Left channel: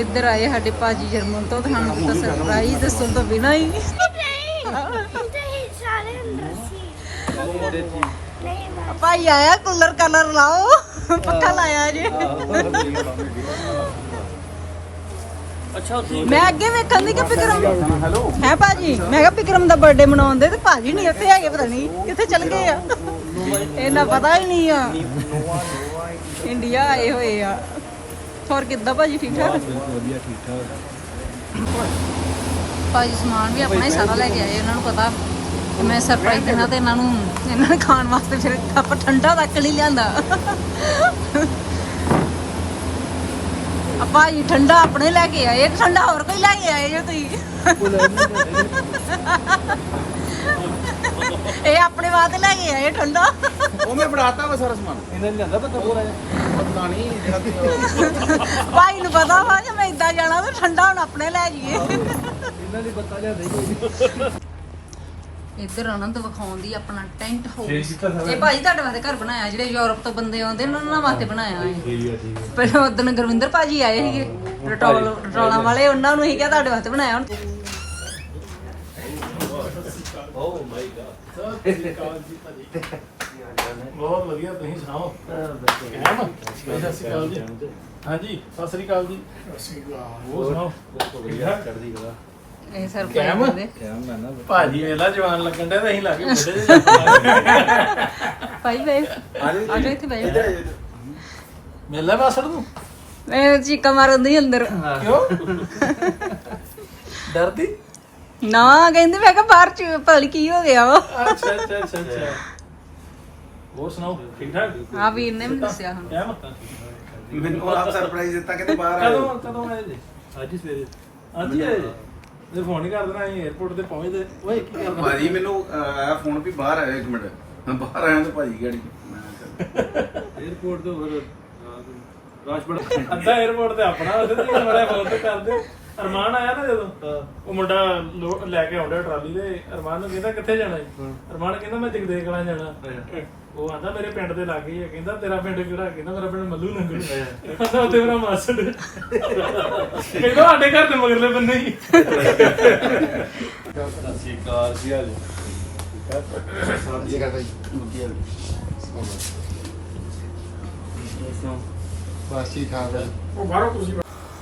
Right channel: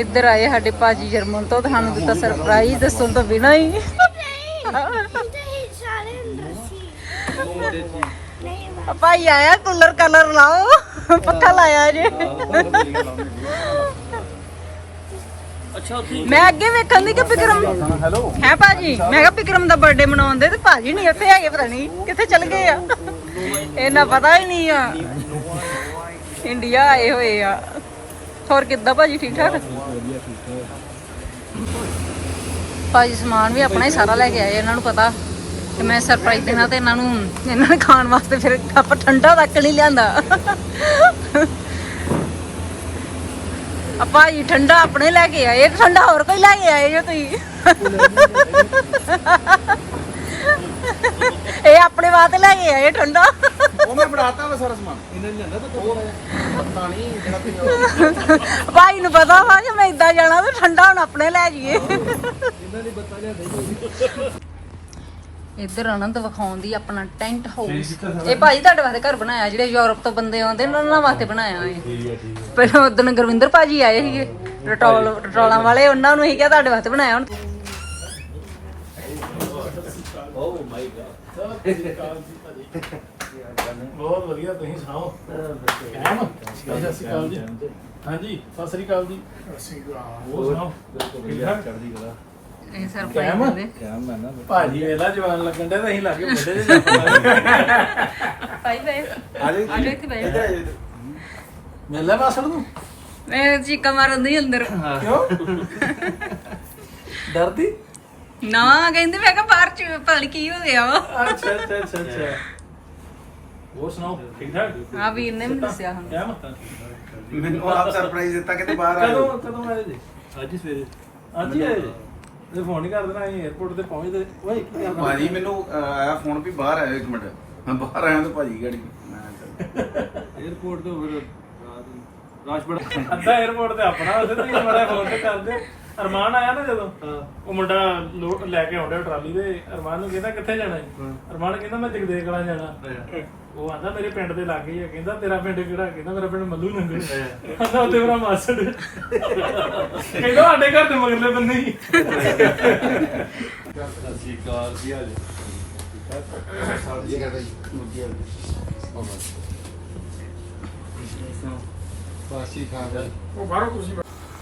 ਇੱਧਰ ਆਏ ਸਾਡੇ ਭਾਜੀ ਜਰਮਨ ਤੋਂ ਤੁਹਾਨੂੰ ਦਿੱਤਾ ਸਰਪ੍ਰਾਈਜ਼ ਦੱਸਣ ਤੋਂ ਬਿਨਾਂ ਹੀ। ਭਾਈ ਆਇਆ ਕੂਲਰ ਕਲਰ ਲਾਓ। ਪੱਖਾ ਲਾਇਆ ਜੇ। ਅੱਛਾ ਉੱਥੇ ਮੈਂ ਅੱਗੇ ਵੇਖਣ ਦੀ ਕਿ ਵਿਕਰਮ ਹੈ ਭਾਜੀ? ਮੈਂ ਕਿਹਾ ਵਿਕਰਮ ਦਾ ਬਰਥਡੇ ਮਨਾਉਂਦੇ ਤੇ ਭਾਜੀ ਨਹੀਂ ਉੱਥੇ ਹੈਗੇ ਪਤਾ ਨਹੀਂ ਕਿੱਥੇ ਚਲ ਗਏ ਆ। ਇਹਨਾਂ ਪਤਾ ਹੀ ਨਹੀਂ ਆ। ਇੰਡੀਆ ਆਏ ਹੋਏ ਆ। ਹੋਰ ਕਿੱਦਾਂ ਭਾਜੀ ਠੀਕ ਠਾਕ? ਵਧੀਆ ਠੀਕ ਠਾਕ। ਭਾਜੀ ਸਮਾਨ ਵੀ ਆਪਣਾ ਹੀ ਸਾਰਾ ਲੈ ਕੇ ਆਏ ਇਹਨਾਂ ਨੂੰ ਪਤਾ। ਕਿ ਮੈਂ ਸਰਪ੍ਰਾਈਜ਼ ਦੇਣਾ ਤੇ ਇਹਨਾਂ ਨੂੰ ਇਹਨਾਂ ਨੇ ਖਾਣ ਵਾਸਤੇ ਫਿਰ ਕੱਪ ਠੰਡਾ ਤੱਕ ਨਹੀਂ ਲਿਆਂਦਾ। ਆ ਭਾਜੀ ਠੰਡਾ ਆਪਣੇ ਲੈ ਕੇ ਆਏ ਠੰਡਾ ਹੋਰ ਕੋਈ ਲੈ ਕੇ ਆਏ ਜੋ ਤੁਸੀਂ। ਇਹ ਆਪਣੇ ਵਾਸਤੇ ਲੈ ਕੇ ਆਏ ਠੰਡਾ। ਉਹ ਮੈਂ ਬਣਾਤਾ ਵਾ ਸਾਰਾ ਸਮਾਨ। ਇਹਨਾਂ ਨੇ ਜਾਂਦਾ ਪਤਾ ਪੂਰਾ ਪਤਾ ਨਹੀਂ ਜਿਹੜਾ ਭਾਈ ਨੂੰ ਪਤਾ ਵਾ ਕਿ ਮੈਂ ਇਦਾਂ ਜਾਣਾ ਤੇ ਠੰਡਾ ਹੁਣ ਆਪਣੇ ਲੈ ਜਾਈਏ। ਇਹਨਾਂ ਦੀ ਬੱਤਾ ਲਿਆਂਦਾ ਹੀ ਇੱਧਰ ਆਨੰਦ ਵਿਖਾਉਣ ਦੀ ਆਪਣਾ ਟੈਂਟ ਹਾਊਸ ਇਹ ਭਾਜੀ ਤੁਹਾਡੇ ਵਾਸਤੇ ਘਰ ਬਣਾਇਆ ਜਿਹੜੇ ਯੂਰਪ ਤੋਂ ਬੰਦੇ ਆਉਂਦੇ ਨੇ ਉਹਨਾਂ ਵਾਸਤੇ ਬਣਾਇਆ ਹੈ ਠੀਕ ਹੈ ਠੀਕ ਹੈ। ਪਹਿਲਾਂ ਉਦੋਂ ਗੁਰਵਿੰਦਰ ਭਾਜੀ ਆਏ ਸੀਗੇ ਰਟੋਲ ਰਟੋਲਾਂ ਵਾਲੇ ਉਹਨਾਂ ਨੂੰ ਹੀ ਕਿਹਾ ਤੁਹਾਡੇ ਵਾਸਤੇ ਬਣਾਇਆ ਹੁਣ। ਬਹੁਤ ਵਧੀਆ ਤੁਸੀਂ ਸੁਣਾਓ? ਕਹਿਮ ਸਤਿ ਸ਼੍ਰੀ ਅਕਾਲ ਜੀ। ਹਾਂਜੀ ਸਤਿ ਸ਼੍ਰੀ ਅਕਾਲ ਜੀ। ਸਤਿ ਸ਼੍ਰੀ ਅਕਾਲ ਹੋਰ ਸੁਣਾਓ? ਵਧੀਆ ਚੜਦੀ ਕਲਾ ਇਹ ਸਰ ਕੈਮ? ਭਾਈ ਕਿਆ ਮੈਂ ਨਾ। ਭਾਜੀ ਵੇਲਾ ਜਵਾਨ ਲੱਗਣ ਦੇ ਤਾਂ ਅਸੀਂ ਲਾਗੇ ਬੁੱਢੇ ਜਿਹੇ ਜੱਫ ਭਾਈ। ਭਾਈ ਆ ਜਾ ਇੱਥੇ ਬੈਠ ਮੇਲਾ ਬਾਸੜ ਨੂੰ? ਮੈਂ ਚੀਕਾ ਮਾਰਨ ਦੀ ਅੰਦਰ। ਕਿਉਂ? ਡਰਦੀ? ਨਾ ਕਹਿੰਦੇ ਮੈਂ ਕਿਹਾ ਬਾਹਰ ਚ ਪਤਾ ਨੀ ਕੀ ਹੋ ਗਿਆ ਵਾ। ਅੱਛਾ ਅੱਛਾ ਅੱਛਾ ਅੱਛਾ। ਹੋਰ ਸੁਣਾਓ ਠੀਕ ਠਾਕ? ਆ ਵੀਰ ਨੇ ਮੈਨੂੰ ਦੱਸਿਆ ਹੁਣ। ਕਿਆ ਮਤਾਂ ਮੈਨੂੰ ਆਪ ਸਰਪ੍ਰਾਈਜ਼ ਦਿੱਤਾ ਕਹਿੰਦੇ ਬਾਹਰ ਕਦੋਂ ਆਇਓ ਕਦੋਂ ਆਏ ਜੀ? ਅੱਜ ਹੀ ਸਵੇਰੇ। ਅੱਜ ਹੀ ਆਏ ਜੀ? ਇਹ ਫੋਨ ਹੀ ਕਰ ਦੇਣਾ ਅਸੀਂ 에어ਪੋਰਟ ਤੇ। ਪਹੁੰਚਦੇ ਓਏ ਕੀ ਕਰਦਾ? ਭਾਜੀ ਮੈਨੂੰ ਅਹ, ਆਇਆ ਫੋਨ ਵੀ ਬਾਹਰ ਆਇਆ ਇੱਕ ਮਿੰਟ। ਮੈਂ ਬਾਹਰ ਆਇਆ ਤੇ ਭਾਜੀ ਗਾੜੀ। ਮੈਂ ਕਿਹਾ, 에어ਪੋਰਟ ਤੋਂ ਫਿਰ ਰਾਤ ਨੂੰ- ਰਾਸ਼ ਬੜਾ ਅੱਧਾ 에어ਪੋਰਟ ਤੇ ਆਪਣਾ ਉਹਦੇ ਤੇ ਮੜਾ ਫੋਨ ਤੇ ਕਰਦੇ। ਅਰਮਾਨ ਆਇਆ ਨਾ ਜਦੋਂ? ਉਹ ਮੁੰਡਾ ਲੋ- ਲੈ ਕੇ ਆਉਂਦਾ ਟਰਾਲੀ ਤੇ ਅਰਮਾਨ ਨੂੰ ਕਹਿੰਦਾ ਕਿੱਥੇ ਜਾਣਾ ਜੀ? ਅਰਮਾਨ ਕਹਿੰਦਾ ਮੈਂ ਜਗਦੇਵ ਕਲਾਂ ਜਾਣਾ। ਉਹ ਆਂਦਾ ਮੇਰੇ ਪਿੰਡ ਦੇ ਲਾਗੇ ਹੀ ਆ ਕਹਿੰਦਾ ਤੇਰਾ ਪਿੰਡ ਕਿਹੜਾ? ਕਹਿੰਦਾ ਮੇਰਾ ਪਿੰਡ ਮੱਲੂ ਨੰਗਲ ਕਹਿੰਦਾ ਉੱਥੇ ਮੇਰਾ ਮਾਸੜ। ਕਹਿੰਦਾ ਸਾਡੇ ਘਰ ਦੇ ਮਗਰਲੇ ਬੰਨੇ ਹੀ। ਹਾਲ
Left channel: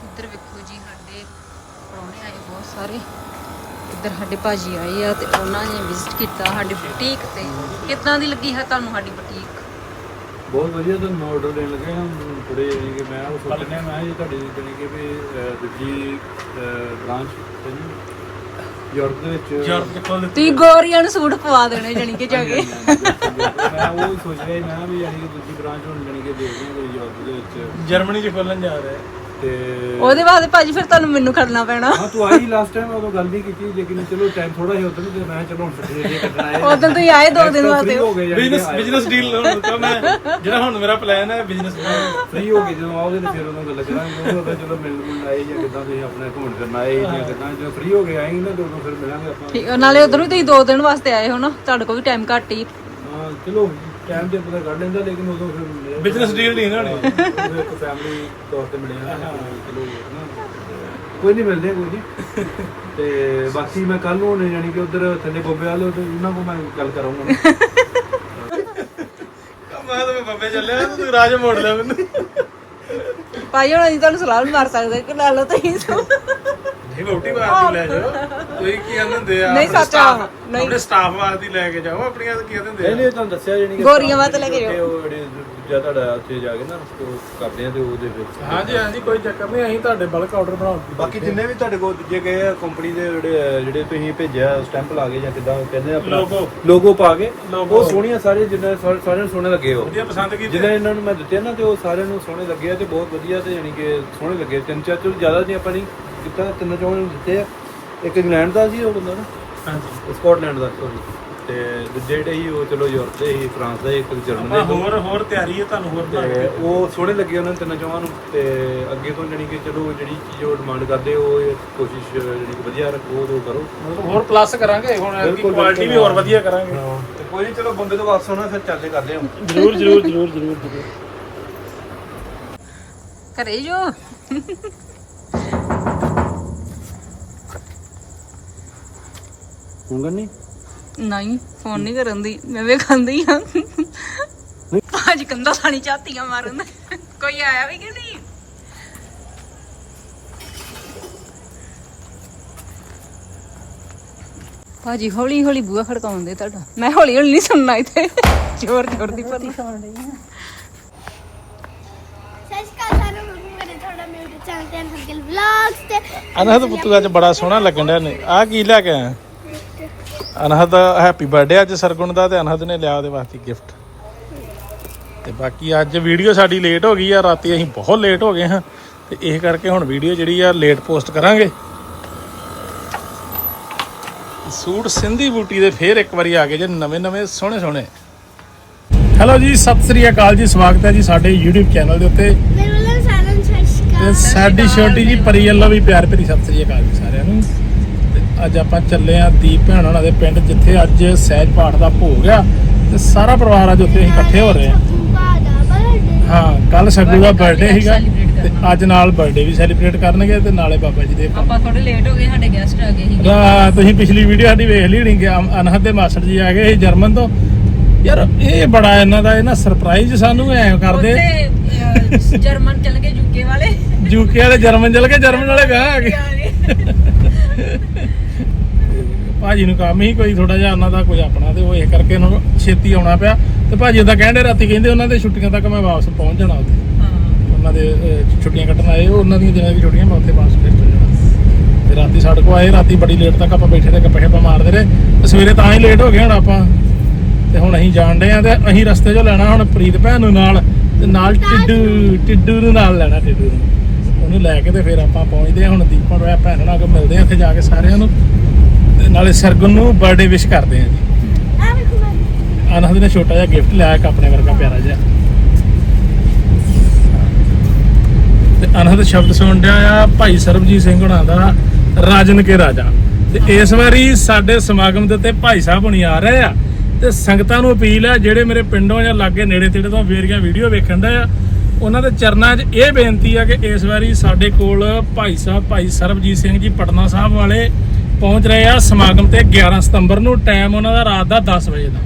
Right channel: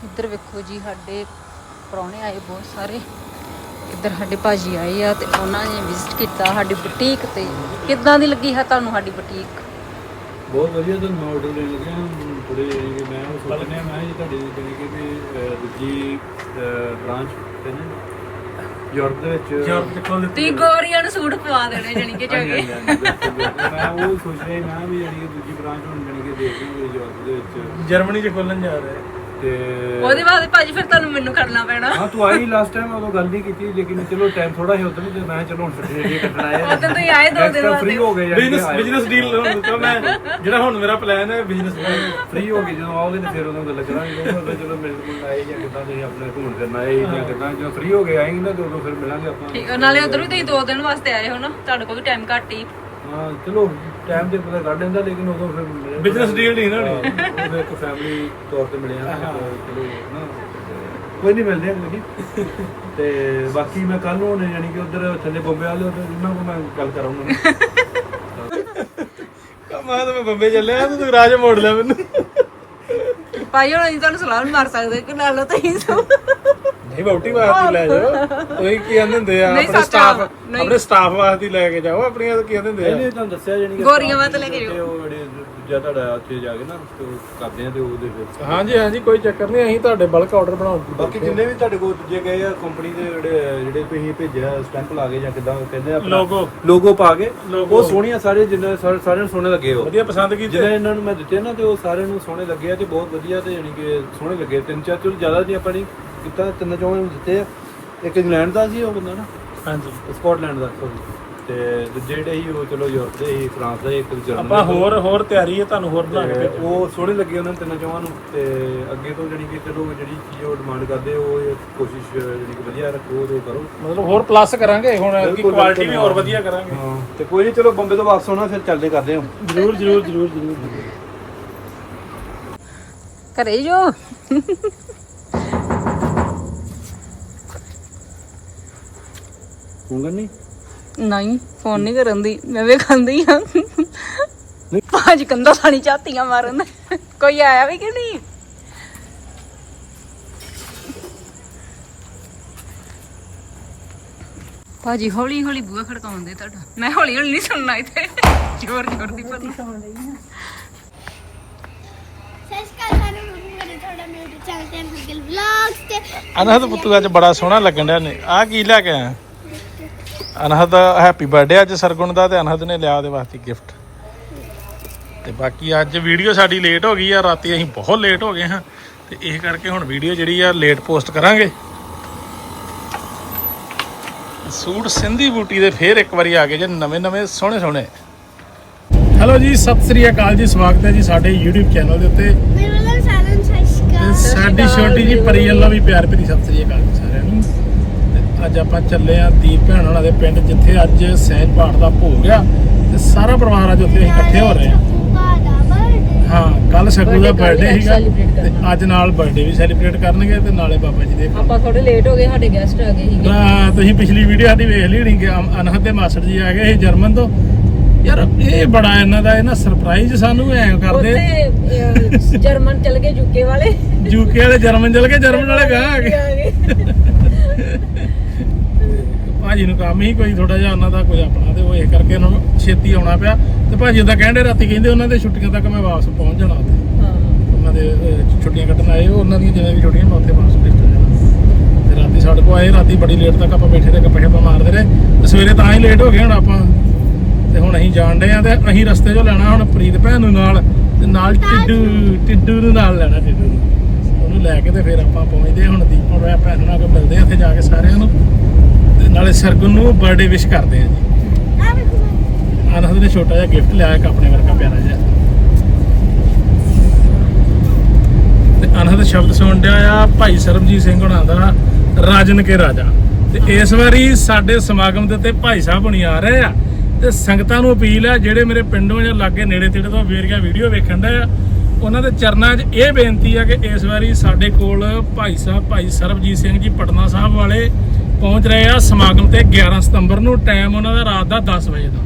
ਇੱਧਰ ਵੇਖੋ ਜੀ ਸਾਡੇ ਪ੍ਰਾਹੁਣੇ ਆਏ ਬਹੁਤ ਸਾਰੇ। ਇੱਧਰ ਸਾਡੇ ਭਾਜੀ ਆਏ ਆ ਤੇ ਉਹਨਾਂ ਨੇ ਵਿਜ਼ਿਟ ਕੀਤਾ ਸਾਡੀ ਬੁਟੀਕ ਤੇ। ਕਿੱਦਾਂ ਦੀ ਲੱਗੀ ਹੈ ਤੁਹਾਨੂੰ ਸਾਡੀ ਬੁਟੀਕ ਬਹੁਤ ਵਧੀਆ ਤੁਹਾਨੂੰ ਆਰਡਰ ਦੇਣ ਲੱਗੇ ਹਾਂ ਥੋੜੇ ਕਿ ਮੈਂ ਉਹ ਸੋਚ ਰਿਹਾ ਮੈਂ ਜੀ ਤੁਹਾਡੀ ਜਾਣੀ ਕਿ ਵੀ ਦੂਜੀ ਬ੍ਰਾਂਚ ਤੇ ਨਾ ਯੂਰਪ ਦੇ ਵਿੱਚ। ਯੂਰਪ ਕਿੱਥੋਂ ਤੁਸੀਂ ਗੋਰੀਆਂ ਨੂੰ ਸੂਟ ਪਵਾ ਦੇਣੇ ਜਣੀ ਕਿ ਜਾ ਕੇ। ਮੈਂ ਉਹ ਸੋਚ ਰਿਹਾ ਮੈਂ ਵੀ ਜਾਣੀ ਕਿ ਦੂਜੀ ਬ੍ਰਾਂਚ ਹੁਣ ਜਾਣੀ ਕਿ ਦੇਖਦੇ ਹਾਂ ਯੂਰਪ ਦੇ ਵਿੱਚ। ਜਰਮਨੀ ਚ ਖੋਲਣ ਜਾ ਰਿਹਾ ਤੇ ਉਹਦੇ ਬਾਅਦ ਭਾਜੀ ਫਿਰ ਤੁਹਾਨੂੰ ਮੈਨੂੰ ਖੜਨਾ ਪੈਣਾ। ਹਾਂ ਤੂੰ ਆਈ ਲਾਸਟ ਟਾਈਮ ਉਦੋਂ ਗੱਲ ਨਹੀਂ ਕੀਤੀ ਲੇਕਿਨ ਚਲੋ ਟਾਈਮ ਥੋੜਾ ਹੀ ਉਦੋਂ ਤੇ ਮੈਂ ਕਿਹਾ ਚਲੋ ਹੁਣ ਛੁੱਟੀ ਜੇ ਕੱਟਣਾ ਹੈ। ਉਦੋਂ ਤੁਸੀਂ ਆਏ ਦੋ ਦਿਨ ਫ੍ਰੀ ਬਾਅਦ। ਹੋ ਗਏ ਬਿਜ਼ਨਸ ਬਿਜ਼ਨਸ ਡੀਲ ਹੁਣ ਤਾਂ ਮੈਂ ਜਿਹੜਾ ਹੁਣ ਮੇਰਾ ਪਲਾਨ ਹੈ ਬਿਜ਼ਨਸ ਫ੍ਰੀ ਹੋ ਕੇ ਜਦੋਂ ਆਓਗੇ ਤੇ ਫਿਰ ਉਹਨਾਂ ਗੱਲ ਕਰਾਂਗੇ। ਉਹ ਤਾਂ ਚਲੋ ਮਿਲ ਮਿਲ ਆਏ ਜਾਂ ਕਿੱਦਾਂ ਦੇ ਆਪਣੇ ਘੁੰਮਣ ਫਿਰਨ ਆਏ ਜਾਂ ਕਿੱਦਾਂ ਜਦੋਂ ਫ੍ਰੀ ਹੋ ਕੇ ਆਏਂਗੇ ਨਾ ਤੇ ਉਦੋਂ ਫਿਰ ਮਿਲਾਂਗੇ ਆਪਾਂ। ਠੀਕ ਆ, ਨਾਲੇ ਉਧਰੋਂ ਤੁਸੀਂ ਦੋ ਦਿਨ ਵਾਸਤੇ ਆਏ ਹੋ ਨਾ ਤੁਹਾਡੇ ਕੋਲ ਵੀ ਟਾਈਮ ਘੱਟ ਹੀ। ਹਾਂ ਚਲੋ ਟਾਈਮ ਤੇ ਪਤਾ ਕੱਢ ਲੈਂਦਾ ਲੇਕਿਨ ਉਦੋਂ ਫਿਰ ਮਿਲੇ- ਬਿਜ਼ਨਸ ਡੀਲ ਨਹੀਂ ਨਾ ਹੋਣੀ। ਹਾਂ, ਉਦੋਂ ਇੱਕ ਫੈਮਿਲੀ ਤੌਰ ਤੇ ਮਿਲੇ ਆ ਚਲੋ ਨਾ। ਕੋਈ ਨਹੀਂ ਮਿਲਦੇ ਕੋਈ ਨਹੀਂ। ਤੇ ਬਾਕੀ ਮੈਂ ਕੱਲ ਨੂੰ ਜਾਨੀ ਕਿ ਉਧਰ ਥੱਲੇ ਬੰਬੇ ਵਾਲੇ ਉਧਰ ਉਹਨਾਂ ਕੋਲ ਮੈਂ ਗੱਲ ਕਰਾਂਗਾ ਮੈਂ ਤਾਂ ਬੰਬੇ ਚੱਲਿਆ ਤੂੰ ਰਾਜ ਮੋੜ ਲਿਆ ਮੈਨੂੰ। ਭਾਈ ਹੁਣ ਅਸੀਂ ਤੁਹਾਨੂੰ ਸਲਾਹ ਵੀ ਮਾਰ ਸਕਦੇ ਕਿ ਲੈ ਲਓ ਤੁਸੀਂ। ਸਭ ਨਹੀਂ ਵੋਟੀ ਵਾਸਤੇ ਲੈ ਜਾਓ। ਤੁਸੀਂ ਕੀ ਕਹਿੰਦੇ ਹੁੰਦੇ ਆ ਨਹੀਂ ਆਪਣੇ ਸੱਚ ਆ, ਸਟਾਫ ਨਹੀਂ। ਆਪਣੇ ਸਟਾਫ ਵਾਸਤੇ ਲੈ ਕੇ ਜਾਓ ਆਪਣੀਆਂ ਤਾਂ ਕੀ ਕਹਿੰਦੇ ਹੁੰਦੇ ਆ। ਨਹੀਂ ਤੁਹਾਨੂੰ ਦੱਸਿਆ ਜਾਨੀ ਕਿ ਗੋਰੀਆਂ ਵਾਸਤੇ ਲੈ ਕੇ ਉੱਥੇ ਉਹ ਜਿਹੜੇ ਦੂਜਾ ਤੁਹਾਡਾ ਉੱਥੇ ਜਾ ਕੇ ਨਾ ਉਹ ਕਰਦੇ ਆ ਤੇ ਉਹਦੇ ਵਿੱਚ ਹਾਂਜੀ ਹਾਂਜੀ ਕੋਈ ਚੱਕਰ ਨਹੀਂ ਅਸੀਂ ਤੁਹਾਡੇ ਬਲਕ ਆਰਡਰ ਬਣਾਉਣ ਦੀ ਬਾਕੀ ਜਿੰਨੇ ਵੀ ਤੁਹਾਡੇ ਕੋਲ ਦੂਜੇ ਗਏ ਆ ਕੰਪਨੀ ਦੇ ਜਿਹੜੇ ਜਿਹੜੇ ਤੁਸੀਂ ਭੇਜਿਆ ਸਟੈਂਪ ਲਾ ਕੇ ਜਾਂ ਕਿਦਾਂ ਕਹਿੰਦੇ ਆ ਆਪਣਾ Logo। ਲੋਗੋ ਪਾ ਕੇ Logo। ਉਹ ਸੋਹਣੀਆਂ ਸਾਰੇ ਜਿੰਨੇ ਸਾਰੇ- ਸਾਰਿਆਂ ਨੂੰ ਸੋਹਣੇ ਲੱਗੇ ਉਹ। ਵਧੀਆ ਪਸੰਦ ਕੀਤੇ। ਜਿਹਨੇ ਇਹਨਾਂ ਨੂੰ ਮੈਂ ਦਿੱਤੇ ਨਾ ਤੇ ਉਹ ਸਾਰਿਆਂ ਨੂੰ ਸੋਹਣੇ ਲੱਗੇ ਆ ਤੇ ਬਹੁਤ ਵਧੀਆ ਤੇ ਯਾਨੀ ਕਿ ਸੋਹਣੇ ਲੱਗੇ ਤਿੰਨ ਚਾਰ ਚਲੋ ਜ਼ਿਆਦਾ ਨਹੀਂ ਆਪਾਂ ਨਹੀਂ ਕੀਤਾ ਤਿੰਨ ਚੋਂ ਨੂੰ ਦਿੱਤੇ ਆ। ਇੱਕ ਇੰਗਲੈਂਡ ਦਾ ਸੀ ਉਹ ਬੰਦਾ ਨਾ? ਹਾਂਜੀ। ਸਕਾਟਲੈਂਡ ਦਾ। ਸੋਰੀ ਤੇ ਦੂਜੇ ਜਿਹੜੇ ਸੀ ਉਹ ਚਲੋ ਯੂਰਪ ਦੇ ਸੀ ਫਰਾਂਸ ਦਾ ਸੀ, ਇੱਕ ਜਰਮਨ ਆਪਾਂ ਦਾ ਹੋਰ ਹੋਰ ਤਿਆਰੀ ਹੈ ਤੁਹਾਨੂੰ ਹੋਰ ਬਣਾ ਕੇ ਤੇ। ਉਹ ਸੋਹਣੇ ਲੱਗੇ ਉਹਨਾਂ ਤਿੰਨ ਚੋਹਾਂ ਨੂੰ। ਤੇ ਅੱਗੇ ਤੋਂ ਜਾਨੀ ਕਿ ਚਲੋ ਜਿਹੜੀ ਚੀਜ਼ ਉਹ ਡਿਮਾਂਡ ਕਰਦੇ ਉਹ ਇਹ ਕੋਸ਼ਿਸ਼ ਜਾਨੀ ਕਿ ਵਧੀਆ ਰੱਖੋ ਉਹ ਕਰੋ। ਮਤਲਬ ਹੋਰ ਪਲੱਸ ਕਰਾਂਗੇ ਹੁਣ ਇਹਦੀ ਬਿਲਕੁਲ, ਕੁਆਲਿਟੀ ਵੀ ਬਿਲਕੁਲ। ਹੋਰ ਵਧੀਆ ਕਰਾਂਗੇ। ਤੇ ਕੋਈ ਨਹੀਂ ਚਲੋ ਬੰਬੇ ਤੋਂ ਵਾਪਸ ਆਉਣਾ ਫਿਰ ਚੱਲਦੇ ਕਰਦੇ ਹਾਂ ਜਰੂਰ ਜਰੂਰ ਜਰੂਰ ਜਰੂਰ। ਘਰੇ ਜੋ ਨਹੀਂ ਨਹੀਂ ਫੋਨ ਨਹੀਂ ਕਰਨ ਦੀ। ਮੈਂ ਵੇਖਾਂਦੀ ਆ ਭਾਜ ਕੰਦਾ ਸਾਣੀ ਚਾਤੀਆਂ ਮਾਰਨ। ਦੇ। ਕੋਈ ਆਇਆ ਵੀ ਕਿ ਨਹੀਂ? ਭਾਜੀ ਹੌਲੀ ਹੌਲੀ ਬੂਹਾ ਖੜਕਾਉਂਦੇ ਤੁਹਾਡਾ। ਮੈਂ ਹੌਲੀ ਹੌਲੀ ਨਹੀਂ ਸੁਣਨਾ ਇੱਥੇ। ਜ਼ੋਰ ਜ਼ੋਰ ਦੀ ਪਤਾ ਹਰਗਲ ਵਲੌਗਸ ਤੇ ਅਨਹਦ ਪੁੱਤੂ ਅੱਜ ਬੜਾ ਸੋਹਣਾ ਲੱਗਣ ਡਿਆ ਨੇ। ਆ ਕੀ ਲੈ ਕੇ ਆਇਆ? ਅਨਹਦ ਹੈਪੀ ਬਰਥਡੇ ਅੱਜ ਸਰਗੁਣ ਦਾ ਤੇ ਅਨਹਦ ਨੇ ਲਿਆ ਉਹਦੇ ਵਾਸਤੇ ਗਿਫਟ ਤੇ ਬਾਕੀ ਅੱਜ ਵੀਡੀਓ ਸਾਡੀ ਲੇਟ ਹੋ ਗਈ ਆ ਰਾਤੀ ਅਸੀਂ ਬਹੁਤ ਲੇਟ ਹੋ ਗਏ ਹਾਂ। ਤੇ ਇਹ ਕਰਕੇ ਹੁਣ ਵੀਡੀਓ ਜਿਹੜੀ ਆ ਲੇਟ ਪੋਸਟ ਕਰਾਂਗੇ। ਸੂਟ ਸਿੰਧੀ ਬੂਟੀ ਦੇ ਫੇਰ ਇੱਕ ਵਾਰੀ ਆ ਗਏ ਜੇ ਨਵੇਂ ਨਵੇਂ ਸੋਹਣੇ ਸੋਹਣੇ। ਹੈਲੋ ਜੀ ਸਤਿ ਸ੍ਰੀ ਅਕਾਲ ਜੀ ਸਵਾਗਤ ਹੈ ਜੀ ਸਾਡੇ YouTube ਚੈਨਲ ਦੇ ਉੱਤੇ। ਮੇਰੇ ਵੱਲੋਂ ਸਾਰਿਆਂ ਨੂੰ ਤੇ ਸਸਕਾ ਸਾਡੀ ਛੋਟੀ ਜੀ ਪਰੀ ਵੱਲੋਂ ਵੀ ਪਿਆਰ ਭਰੀ ਸਤਿ ਸ੍ਰੀ ਅਕਾਲ ਜੀ। ਅੱਜ ਆਪਾਂ ਚੱਲੇ ਆਂ ਦੀਪ ਭੈਣ ਉਹਨਾਂ ਦੇ ਪਿੰਡ ਜਿੱਥੇ ਅੱਜ ਸਹਿਜ ਪਾਠ ਦਾ ਭੋਗ ਆ ਤੇ ਸਾਰਾ ਪਰਿਵਾਰ ਅੱਜ ਉੱਥੇ ਅਸੀਂ ਇਕੱਠੇ ਹੋ ਰਹੇ ਬਰਥਡੇ ਹਾਂ ਕੱਲ ਸੱਗੂ ਦਾ ਬਰਥਡੇ ਸੀਗਾ ਤੇ ਅੱਜ ਨਾਲ ਬਰਥਡੇ ਵੀ ਸੈਲੀਬ੍ਰੇਟ ਕਰਨਗੇ ਤੇ ਨਾਲੇ ਬਾਬਾ ਜੀ ਦੇ ਆਪਾਂ ਥੋੜੇ ਲੇਟ ਹੋ ਗਏ ਸਾਡੇ ਗੈਸਟ ਆ ਗਏ ਸੀ ਰਾ- ਤੁਸੀਂ ਪਿਛਲੀ ਵੀਡੀਓ ਸਾਡੀ ਵੇਖ ਲਈ ਹੋਣੀ ਕਿ ਅਨਹਦ ਦੇ ਮਾਸਟਰ ਜੀ ਆ ਗਏ ਸੀ ਜਰਮਨ ਤੋਂ। ਯਾਰ ਇਹ ਬੜਾ ਇਹਨਾਂ ਦਾ ਇਹ ਨਾ ਸਰਪ੍ਰਾਈਜ਼ ਸਾਨੂੰ ਐ ਕਰਦੇ। ਉੱਥੇ ਜਰਮਨ ਚਲ ਗਏ ਯੂਕੇ ਵਾਲੇ। ਯੂਕੇ ਵਾਲੇ ਜਰਮਨ ਚਲ ਕੇ ਜਰਮਨ ਵਾਲੇ ਗਾਹ ਆ ਗਏ। ਭਾਜੀ ਨੂੰ ਕੰਮ ਹੀ ਕੋਈ ਥੋੜਾ ਜਿਹਾ ਉਹਨਾਂ ਦਾ ਕੋਈ ਆਪਣਾ ਤੇ ਉਹ ਇਹ ਕਰਕੇ ਉਹਨਾਂ ਨੂੰ ਛੇਤੀ ਆਉਣਾ ਪਿਆ। ਤੇ ਭਾਜੀ ਉਹਦਾ ਕਹਿੰਦੇ ਰਾਤੀ ਕਹਿੰਦੇ ਉਹਨਾਂ ਦੇ ਛੁੱਟੀਆਂ ਤੱਕ ਮੈਂ ਵਾਪਸ ਪਹੁੰਚ ਜਾਣਾ ਉੱਥੇ। ਉਹਨਾਂ ਦੇ ਛੁੱਟੀਆਂ ਕੱਟਣ ਆਏ ਉਹ ਉਹਨਾਂ ਦੀਆਂ ਦਿਨਾਂ ਦੀ ਛੁੱਟੀਆਂ ਮੈਂ ਉੱਥੇ ਵਾਪਸ ਚਲੇ ਜਾਣਾ। ਤੇ ਰਾਤੀ ਸਾਡੇ ਕੋਲ ਆਏ ਰਾਤੀ ਬੜੀ ਲੇਟ ਤੱਕ ਆਪਾਂ ਬੈਠੇ ਤੇ ਗੱਪੇ ਸ਼ੱਪਾਂ ਮਾਰਦੇ ਰਹੇ। ਤੇ ਸਵੇਰੇ ਤਾਂ ਹੀ ਲੇਟ ਹੋ ਗਏ ਹੁਣ ਆਪਾਂ। ਤੇ ਹੁਣ ਅਸੀਂ ਜਾਣ ਡਏ ਆ ਤੇ ਅਸੀਂ ਰਸਤੇ 'ਚੋਂ ਲੈਣਾ ਹੁਣ ਪ੍ਰੀਤ ਭੈਣ ਨੂੰ ਨਾਲ ਤੇ ਨਾਲ ਟਿੱਡੂ ਟਿੱਡੂ ਨੂੰ ਨਾਲ ਲੈਣਾ ਟਿੱਡੂ ਨੂੰ। ਉਹਨੂੰ ਲੈ ਕੇ ਤੇ ਫਿਰ ਆਪਾਂ ਪਹੁੰਚਦੇ ਆ। ਹੁਣ ਦੀਪਨ ਰੋਇਆ ਭੈਣ ਨਾਲ ਕੋ ਮਿਲਦੇ ਆ ਉੱਥੇ ਜਾ ਕੇ ਸਾਰਿਆਂ ਨੂੰ। ਨਾਲੇ ਸਰਗੁਣ ਨੂੰ ਬਰਥਡੇ ਵਿਸ਼ ਕਰਦੇ ਆ ਜੀ। ਆ ਨੇ ਛੋਟਾ ਜਿਹਾ ਗਿਫਟ ਲਿਆ ਇੱਕ ਆਪਣੇ ਵਰਗਾ ਪਿਆਰਾ ਜਿਹਾ। ਤੇ ਅਨਹਦ ਸ਼ਬਦ ਸੁਣ ਆ ਭਾਈ ਸਰਬਜੀਤ ਸਿੰਘ ਹੁਣਾਂ ਦਾ ਰਾਜਨ ਕੇ ਰਾਜਾ। ਤੇ ਇਸ ਵਾਰੀ ਸਾਡੇ ਸਮਾਗਮ ਦੇ ਉੱਤੇ ਭਾਈ ਸਾਹਿਬ ਹੁਣੀ ਆ ਰਹੇ ਆ। ਤੇ ਸੰਗਤਾਂ ਨੂੰ ਅਪੀਲ ਆ, ਜਿਹੜੇ ਮੇਰੇ ਪਿੰਡੋਂ ਜਾਂ ਲਾਗੇ ਨੇੜੇ ਤੇੜੇ ਤੋਂ ਵੇਰੀਆਂ ਵੀਡੀਓ ਵੇਖਣ ਦਾ ਆ, ਉਹਨਾਂ ਦੇ ਚਰਨਾਂ 'ਚ ਇਹ ਬੇਨਤੀ ਆ ਕਿ ਇਸ ਵਾਰੀ ਸਾਡੇ ਕੋਲ ਭਾਈ ਸਾਹਿਬ, ਭਾਈ ਸਰਬਜੀਤ ਸਿੰਘ ਜੀ, ਪਟਨਾ ਸਾਹਿਬ ਵਾਲੇ ਪਹੁੰਚ ਰਹੇ ਆ ਸਮਾਗਮ ਤੇ 11 ਸਤੰਬਰ ਨੂੰ। ਟਾਈਮ ਉਹਨਾਂ ਦਾ ਰਾਤ ਦਾ 10 ਵਜੇ ਦਾ।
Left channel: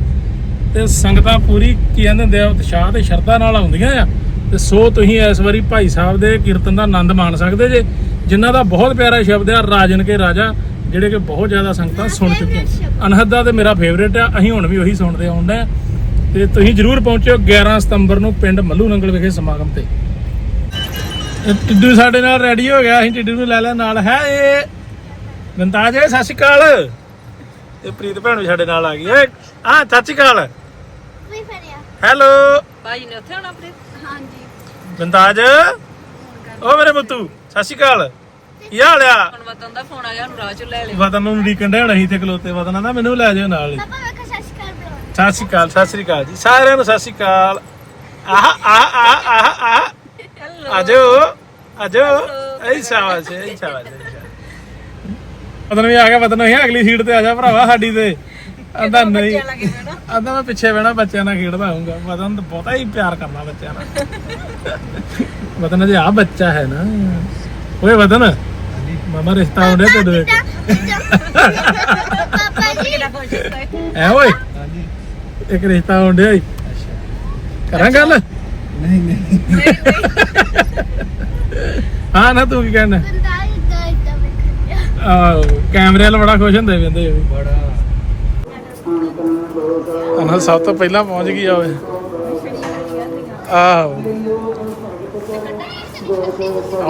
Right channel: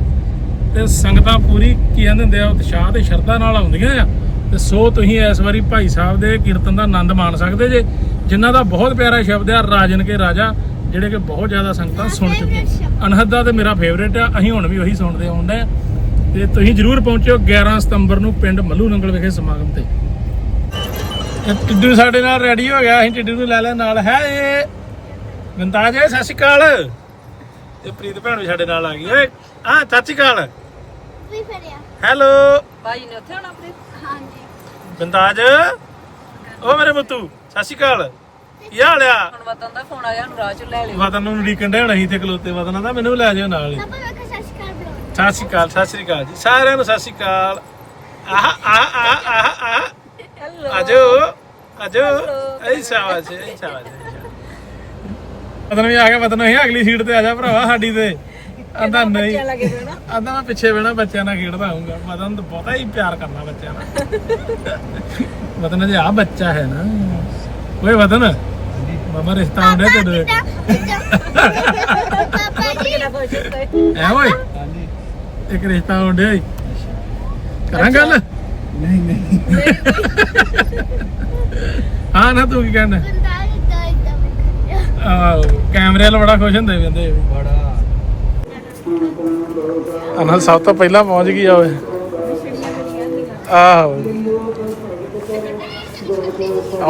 ਤੇ ਸੰਗਤਾਂ ਪੂਰੀ ਕੀ ਕਹਿੰਦੇ ਹੁੰਦੇ ਆ ਉਤਸ਼ਾਹ ਤੇ ਸ਼ਰਧਾ ਨਾਲ ਆਉਂਦੀਆਂ ਆ। ਤੇ ਸੋ ਤੁਸੀਂ ਇਸ ਵਾਰੀ ਭਾਈ ਸਾਹਿਬ ਦੇ ਕੀਰਤਨ ਦਾ ਆਨੰਦ ਮਾਣ ਸਕਦੇ ਜੇ। ਜਿਨ੍ਹਾਂ ਦਾ ਬਹੁਤ ਪਿਆਰਾ ਸ਼ਬਦ ਆ ਰਾਜਨ ਕੇ ਰਾਜਾ ਜਿਹੜੇ ਕਿ ਬਹੁਤ ਜ਼ਿਆਦਾ ਸੰਗਤਾਂ ਸੁਣ ਚੁੱਕੀਆਂ। ਅਨਹਦ ਤੇ ਮੇਰਾ ਫੇਵਰੇਟ ਆ ਅਸੀਂ ਹੁਣ ਵੀ ਉਹੀ ਸੁਣਦੇ ਆਉਂਦੇ ਆ। ਤੇ ਤੁਸੀਂ ਜਰੂਰ ਪਹੁੰਚਿਓ 11 ਸਤੰਬਰ ਨੂੰ ਪਿੰਡ ਮੱਲੂ ਨੰਗਲ ਵਿਖੇ ਸਮਾਗਮ ਤੇ। ਟਿੱਡੂ ਸਾਡੇ ਨਾਲ ਰੈਡੀ ਹੋ ਗਿਆ ਅਸੀਂ ਟਿੱਡੂ ਨੂੰ ਲੈ ਲੈ ਨਾਲ। ਹੈ ਇਹ ਗੰਤਾਜ ਸਤਿ ਸ਼੍ਰੀ ਅਕਾਲ। ਇਹ ਪ੍ਰੀਤ ਭੈਣ ਵੀ ਸਾਡੇ ਨਾਲ ਆ ਗਈ ਓਏ ਆ ਸਤਿ ਸ਼੍ਰੀ ਅਕਾਲ। ਵੀ ਫੜਿਆ? ਹੈਲੋ। ਭਾਜੀ ਨੇ ਉੱਥੇ ਆਉਣਾ ਪ੍ਰੀਤ? ਹਾਂਜੀ। ਗੰਤਾਜ ਓ ਮੇਰੇ ਮੁੱਤੂ ਸਤਿ ਸ਼੍ਰੀ ਅਕਾਲ। ਕੀ ਹਾਲ ਆ? ਹੁਣ ਵਤਨ ਦਾ ਫੋਨ ਆਇਆ ਹੁਣ ਰਾਹ ਚ ਲੈ ਲਿਓ। ਵਤਨ ਨੂੰ ਉਡੀਕਣ ਦੇ ਹੁਣ ਅਸੀਂ ਤੇ ਖਲੋਤੇ ਵਤਨ ਦਾ ਮੈਨੂੰ ਲੈ ਜਾਓ ਨਾਲ ਹੀ। ਪਾਪਾ ਵੇਖੋ ਸਸਕਾ ਬਲੌਗ ਸਤਿ ਸ਼੍ਰੀ ਅਕਾਲ ਸਤਿ ਸ਼੍ਰੀ ਅਕਾਲ ਜੀ। ਸਾਰਿਆਂ ਨੂੰ ਸਤਿ ਸ਼੍ਰੀ ਅਕਾਲ। ਆਹ ਆਹ ਆਹ ਆਹ ਆਹ। ਆਜੋ ਆਜੋ ਐ ਸ਼ਾਬਾਸ਼ ਐ ਸ਼ਾਬਾਸ਼। ਵਤਨ ਵੀ ਆ ਗਿਆ ਵਤਨ ਵੀ ਅਗਲੀ ਸੀਟ ਤੇ ਆ ਜਾ ਭਰਾਵਾ ਸਾਡੀ ਤੇ। ਆਂਦਾ ਨਹੀਂ। ਆਂਦਾ ਮੈਂ ਪਿੱਛੇ ਬਹਿਣਾ ਬੱਚਿਆਂ ਨਾਲ ਖੇਡਦਾ ਆਉਂਗਾ ਵਤਨ ਤਾਂ ਬਹੁਤਾ ਹੀ ਪਿਆਰ ਕਰਨਾ ਬੱਚਿਆਂ ਨਾਲ। ਵਤਨ ਜੇ ਆ ਬੱਚਾ ਹੈ ਨਾ। ਓਏ ਵਤਨ ਮਮਾ ਰਿਸ਼ਤਾ ਹੁੰਦੇ ਤੇਰੇ ਪਾਪਾ ਜੀ। ਐ ਓਏ। ਇੱਕ ਰਿਸ਼ਤਾ ਹੁੰਦਿਆ ਈ। ਕਰਾਂ ਗੱਲ? ਨਹੀਂ ਨਹੀਂ ਹਾਂ ਨਾ ਤੂੰ ਕੀ ਕਹਿਣਾ ਬੰਦਾ ਇਦਾਂ ਇਦਾਂ ਮੈਂ ਆਹ ਕੈਮਰੇ ਵਾਲਾ ਬੜਾ ਖੁਸ਼ ਹੁੰਦੇ ਵੀ ਹੁੰਦੇ ਅਨਹਲ ਸਭ ਤੋਂ ਪਹਿਲਾਂ ਪਹੁੰਚ ਗਈ ਆ ਓਏ। ਆਹੋ।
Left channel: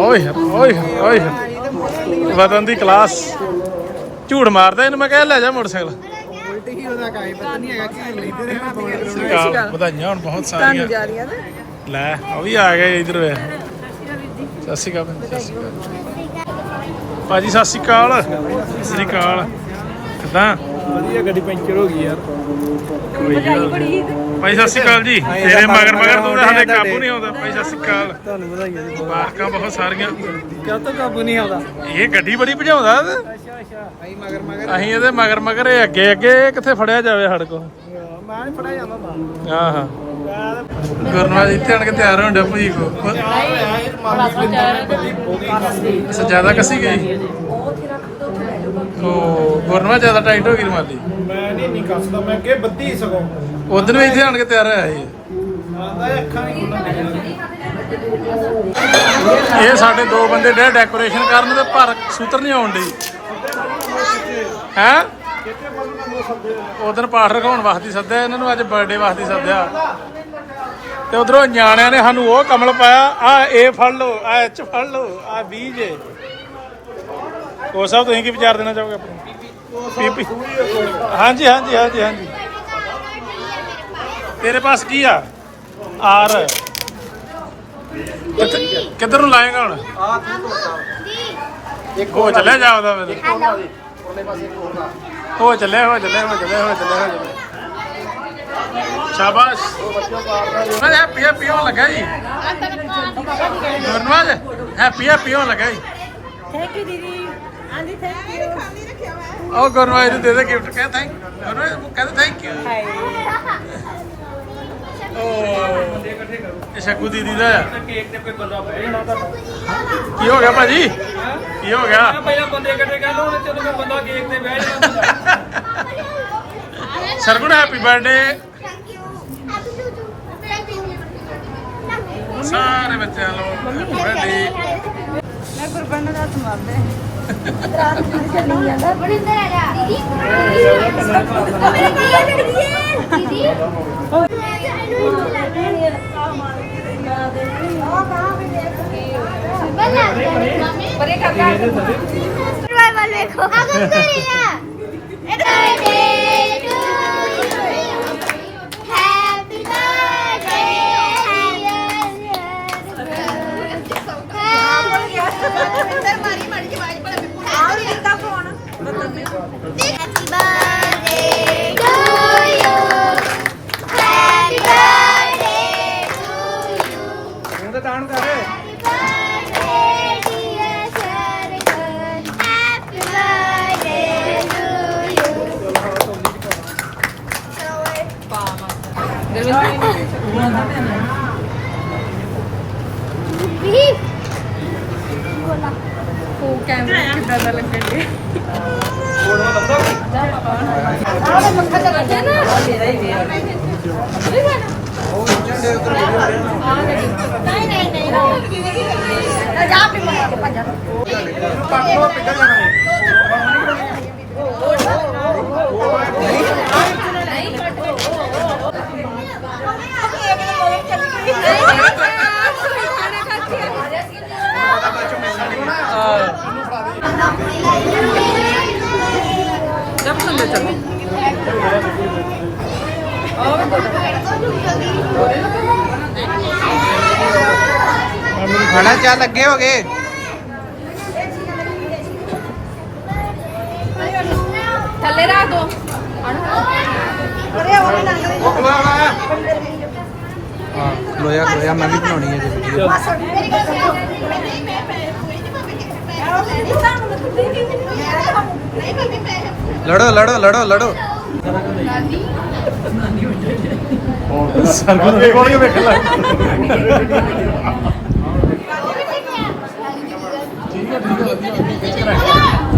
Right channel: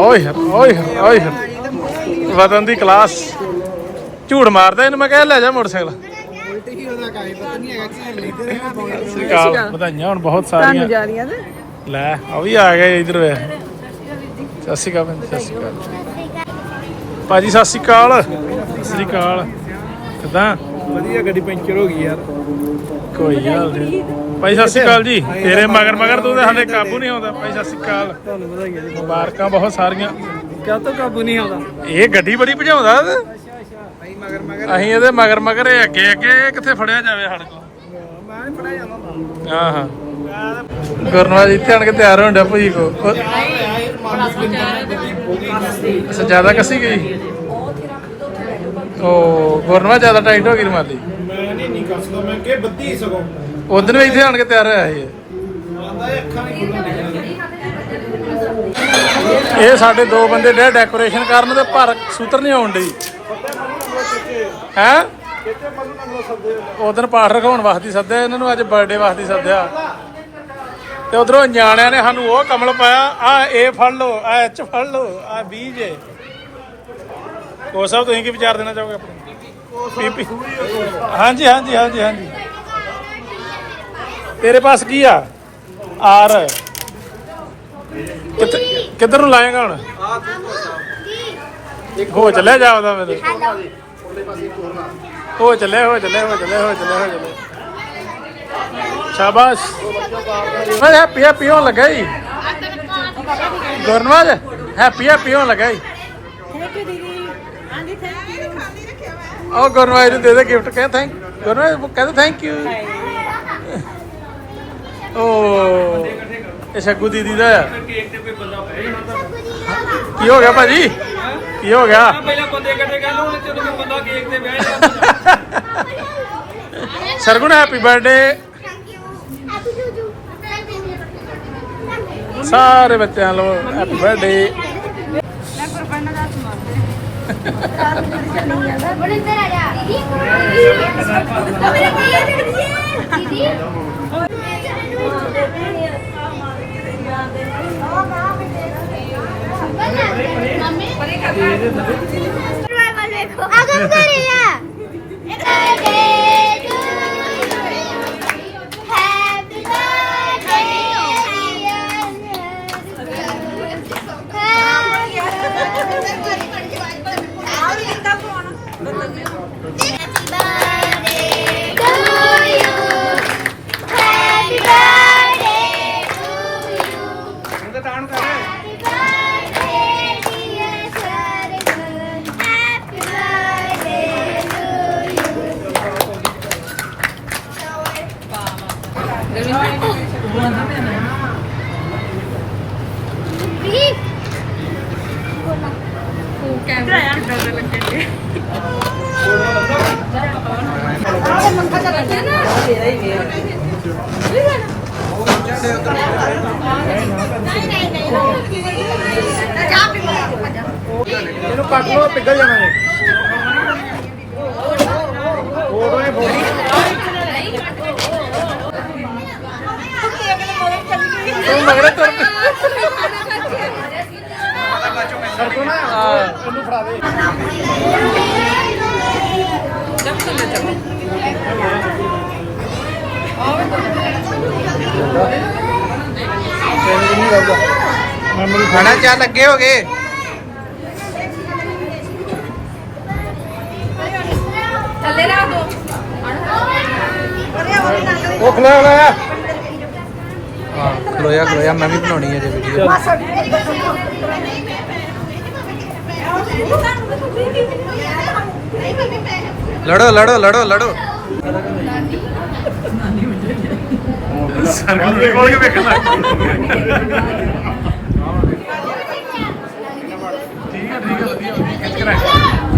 ਓਏ ਓਏ ਓਏ। ਵਤਨ ਦੀ ਕਲਾਸ। ਝੂੜ ਮਾਰਦਾ ਇਹਨੂੰ ਮੈਂ ਕਹਿ ਲੈ ਜਾ ਮੋਟਰਸਾਈਕਲ। ਕਾਲ ਵਧਾਈਆਂ ਹੁਣ ਬਹੁਤ ਸਾਰੀਆਂ। ਲੈ ਉਹ ਵੀ ਆ ਗਏ ਇਧਰ ਵੇ। ਸਤਿ ਸ਼੍ਰੀ ਅਕਾਲ ਭੈਣ, ਸਤਿ ਸ਼੍ਰੀ ਅਕਾਲ। ਭਾਜੀ ਸਤਿ ਸ਼੍ਰੀ ਅਕਾਲ। ਸਤਿ ਸ਼੍ਰੀ ਅਕਾਲ। ਕਿਦਾਂ? ਵਧੀਆ ਗੱਡੀ ਪੈਂਚਰ ਹੋ ਗਈ ਯਾਰ। ਕੋਈ ਗੱਲ ਨਹੀਂ। ਭਾਈ ਸਤਿ ਸ਼੍ਰੀ ਅਕਾਲ ਜੀ। ਤੇਰੇ ਮਗਰ ਮਗਰ ਤੂੰ ਤਾਂ ਸਾਡੇ ਕਾਬੂ ਨਹੀਂ ਆਉਂਦਾ। ਭਾਈ ਸਤਿ ਸ਼੍ਰੀ ਅਕਾਲ। ਤੁਹਾਨੂੰ ਵਧਾਈਆਂ ਜੀ ਮੁਬਾਰਕਾਂ ਬਹੁਤ ਸਾਰੀਆਂ। ਕਿਉਂ ਤੋਂ ਕਾਬੂ ਨਹੀਂ ਆਉਂਦਾ? ਇਹ ਗੱਡੀ ਬੜੀ ਭਜਾਉਂਦਾ ਅੱਛਾ ਅੱਛਾ। ਅਸੀਂ ਮਗਰ ਮਗਰ ਅਸੀਂ ਇਹਦੇ ਮਗਰ ਮਗਰ ਅੱਗੇ ਅੱਗੇ ਕਿੱਥੇ ਫੜਿਆ ਜਾਵੇ ਸਾਡੇ ਕੋਲ? ਮੈਂ ਨਹੀਂ ਪੜਿਆ ਜਾਂਦਾ। ਹਾਂ ਹਾਂ। ਗੁਰਨਵਾਜ ਇੱਥੇ ਆਣ ਕੇ ਤਿਆਰ ਹੋਣ ਡਿਆ ਭਾਈ ਕੋ। ਅੱਛਾ ਜ਼ਿਆਦਾ ਕੱਸੀ ਗਈ? ਉਹ ਗੁਰਨਵਾ ਜ਼ਿਆਦਾ ਟਾਈਟ ਹੋ ਗਈ ਰਮਾਲੀ? ਮੈਂ ਨਹੀਂ ਨਹੀਂ ਕੱਸਦਾ ਮੈਂ ਕਿ ਬੱਦੀ ਸਗੋਂ। ਉਦੋਂ ਵੀ ਇੱਥੇ ਆਣ ਕੇ ਤਿਆਰ ਹੋਇਆ ਸੀ। ਇਹ ਸਾਡੇ ਦੋ ਬੰਦੇ ਡੇ ਡੈਕੋਰੇਸ਼ਨ ਕਰਨ ਤੇ ਪਰ ਸੂਤਰ ਨਹੀਂ ਆਉਣ ਡਈ। ਹੈ? ਉਦੋਂ ਪਾਠ ਰਖਾਉਣ ਵਾਸਤੇ ਸੱਦਿਆ ਇਹਨਾਂ ਨੂੰ ਅੱਜ ਬਰਥਡੇ ਵਾਸਤੇ ਸੱਦਿਆ। ਤੇ ਉਧਰੋਂ ਨਿਆਣਿਆਂ ਨੇ ਸਾਨੂੰ ਉਹ ਕਮਲ ਪਾਇਆ ਆ ਏ ਫੜ ਲਓ ਆ ਐਚ ਫੜ ਲਓ ਆ ਬੀ ਜੇ। ਉਹ ਸਭ ਤੁਸੀਂ ਕੀ ਵਿਚਾਰ ਦੇਣਾ ਚਾਹੋਗੇ ਆਪਣੀ? ਹਾਂਜੀ ਹਾਂਜੀ ਹਾਂਜੀ ਹਾਂਜੀ। ਤੇਰੇ ਪਾਸ ਕੀ ਆ? ਆਰ ਕਿੱਧਰ ਨੂੰ ਲਾਏਗਾ ਹੁਣ? ਹੋ ਚੱਲਿਆ ਜਾਵਦਾ ਮੇਰੇ ਹੋ ਚੱਲੇ ਹੋ ਚੱਲੇ ਹੋ ਚੱਲੇ ਹੋ ਚੱਲੇ ਹੋ ਚੱਲੇ ਸ਼ਾਬਾਸ਼। ਮੈਂ ਹੈਪੀ ਹੈਪੀ ਹੋਣ ਲੱਗਾ ਜੀ। ਗੁਰਨਵਾਜ ਹੈਪੀ ਹੈਪੀ ਹੋਣ ਲੱਗਾ ਜੀ। ਥੈਂਕ ਯੂ ਦੀਦੀ। ਹਾਂਜੀ ਥੈਂਕ ਯੂ ਉਹ ਗੁਰਨਵਾਜ ਨੂੰ ਦੇ ਦੇ ਗਿਫਟ ਕਹਿੰਦਾ ਥੈਂਕ ਕਹਿੰਦਾ ਥੈਂਕ ਯੂ ਓ ਇਹ ਸ਼ੱਗੂ ਦੀਦੀ ਦਾ। ਆ ਕੀ ਹੋ ਗਿਆ ਭਾਜੀ? ਕੀ ਹੋ ਗਿਆ? ਪਹਿਲਾਂ ਬੰਦੇ ਇਕੱਠੇ ਕਰ ਲਓ ਜਦੋਂ ਮੈਂ ਬੰਦਾ ਕੇਕ ਤੇ ਬਹਿ ਜਾਂਦਾ Sargun happy birthday thank you happy Juju thank you ਸਾਰੇ ਬੱਚਿਆਂ ਨੂੰ ਹੈਪੀ ਬਰਥਡੇ ਮੈਂ ਗੁਰਬੰਨ ਦਾ ਸੁਣਾਉਂਦਾ ਬੜਿੰਦਰ ਆ ਜਾ ਮੇਰੇ ਕੋਲ ਦੀਦੀ ਬਰੇ ਕਾਕਾ ਬਾਰ ਦੇਖੋ ਅਗਰ ਨਹੀਂ ਹੈ birthday to happy birthday Happy birthday to you. Happy birthday to you. Happy birthday, dear Sargon. Happy birthday to you. Beep. Bola. ਨਹੀਂ ਨਹੀਂ ਨਹੀਂ ਜਾ ਵੀ ਮਾਰ ਕੇ ਭੱਜ ਇਹਨੂੰ ਕੱਟ ਲਓ ਪਿੱਗਲ ਜਾਣਾ ਹੈ ਖਾਣਾ ਚਾ ਲੱਗੇ ਹੋਗੇ? ਉਹ ਖਲਾ ਖਲਾ ਹਾਂ ਖਲੋਇਆ ਖਲੋਇਆ ਮੈਂ ਵੀ ਬਣਾਉਣੀ ਹੈ ਜੇ ਵੀਡੀਓ ਲੜੋ ਲੜੋ ਲੜੋ ਲੜੋ। ਸਰਗੁਣ ਦੇ ਕੋਲ ਵੇਖਣਾ ਠੀਕ ਹੈ ਠੀਕ ਹੈ ਵਧੀਆ ਵਧੀਆ ਖਿੱਚ ਕੇ ਰੱਖ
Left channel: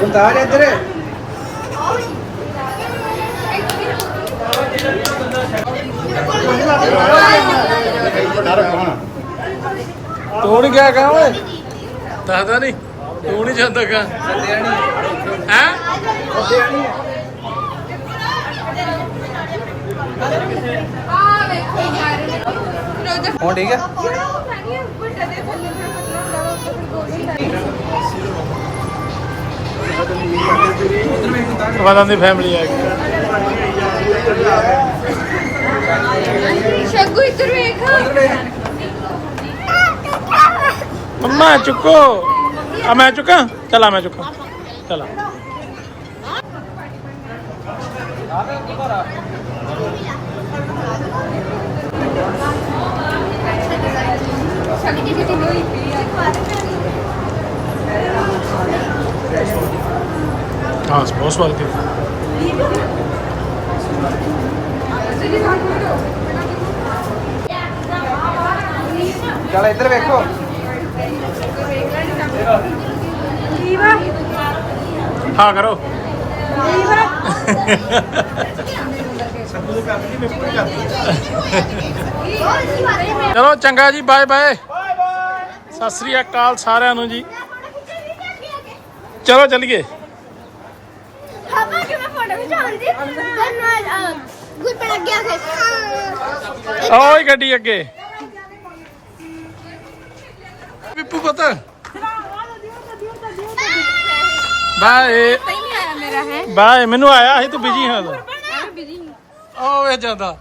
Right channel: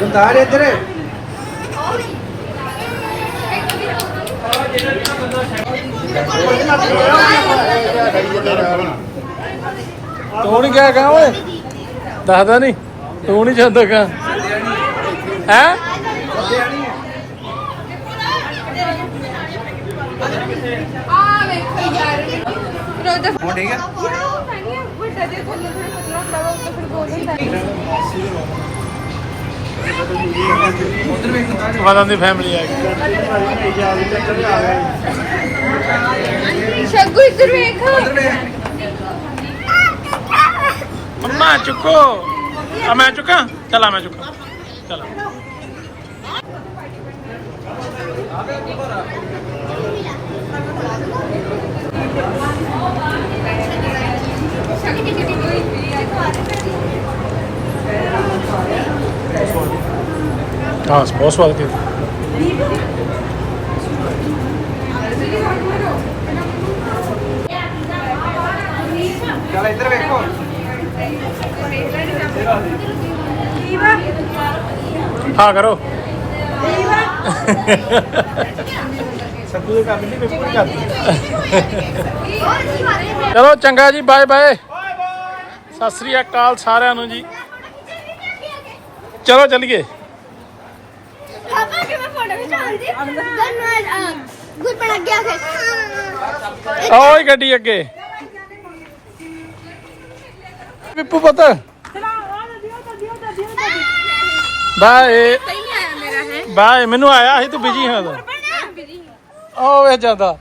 ਉਤਾਰ ਇੱਧਰ ਤੂੰ ਨਹੀਂ ਗਿਆ ਕਹਾਂ ਓਏ? ਦੱਸਦਾ ਨਹੀਂ ਤੂੰ ਨਹੀਂ ਜਾਂਦਾ ਕਹਾਂ ਹੈ? ਹੁਣ ਠੀਕ ਹੈ ਵਦਾਂ ਦੀ ਫੈਮਿਲੀ ਆ ਗਈ। ਸ਼ਗੂ ਇੱਧਰ ਵੇਖ ਮੰਮਾ ਚੁੱਕੋ। ਆ, ਮੈਂ ਚੁੱਕਾਂ? ਚਲਾ ਮੈਂ ਚੁੱਕਾਂ। ਚਲਾ ਹਾਂ ਬਹੁਤ ਸਵਾਦ ਕੇ ਹਾਂ ਕਰੋ ਚਲੋ ਚੰਗਾ ਜੀ ਬਾਏ ਬਾਏ ਸਤਿ ਸ੍ਰੀ ਅਕਾਲ ਸਾਰਿਆਂ ਨੂੰ ਜੀ। ਚਲੋ ਚੱਲੀਏ। ਪਾਪਾ ਕਿ ਮੈਂ ਫੋਟੋ ਖਿਚਾਉਂਦੀ ਬਣ ਗਿਆ ਫਿਰ ਓਏ ਗੱਡੀ ਅੱਗੇ ਵਿਪੂ ਪੁੱਤ ਬਾਏ ਪਹਿਲੇ ਆਇਆ ਮੇਰਾ ਹੈ ਬਾਏ। ਮੈਨੂੰ ਆਇਆ ਸੀ ਤੂੰ ਬਿਜ਼ੀ ਹਾਂ ਤਾਂ ਓ ਵੇ ਜਾਂਦਾ।